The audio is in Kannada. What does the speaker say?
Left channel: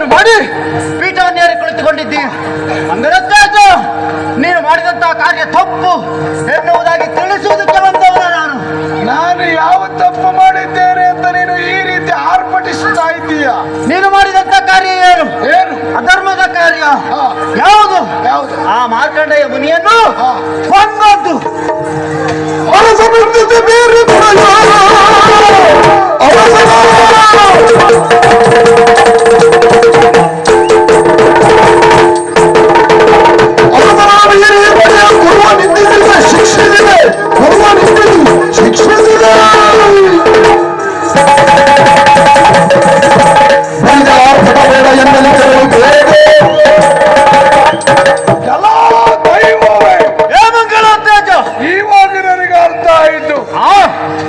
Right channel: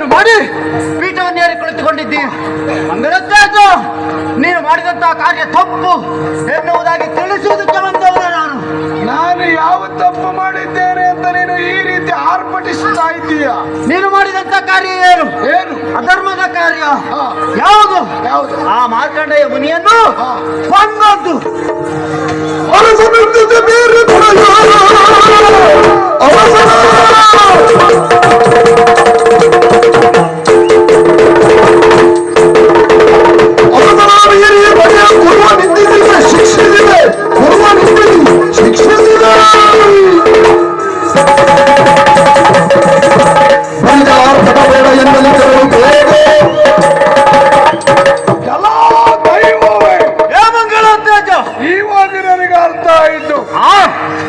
ಘೋಷಣೆಯನ್ನು ಮಾಡಿ ಪೀಠವನ್ನೇರಿ ಕುಳಿತುಕೊಂಡಿದ್ದೀವಿ ಅಂಗರತ್ತಾಯ್ತು ನೀನು ಮಾಡಿದಂತಹ ಕಾರ್ಯ ತಪ್ಪು ಎನ್ನುವುದಾಗಿ ತಿಳಿಸುವುದಕ್ಕೆ ಬಂದವನು ನಾನು. ನಾನು ಯಾವ ತಪ್ಪು ಮಾಡಿದ್ದೇನೆ ಅಂತ ನೀನು ಈ ರೀತಿ ಆರ್ಪಟಿಸುತ್ತಾ ಇದ್ದೀಯ? ನೀನು ಮಾಡಿದಂತ ಕಾರ್ಯ ಏನು? ಏನು? ಅಧರ್ಮದ ಕಾರ್ಯ. ಯಾವುದು? ಯಾವುದು? ಆ ಮಾರ್ಕಂಡೆಯ ಮುನಿಯನ್ನು ಬಂದದ್ದು ಬೇರೆ ಅವರ ಈವಾಗ ನನಗೆ ಅರ್ಥ ಆಯಿತು.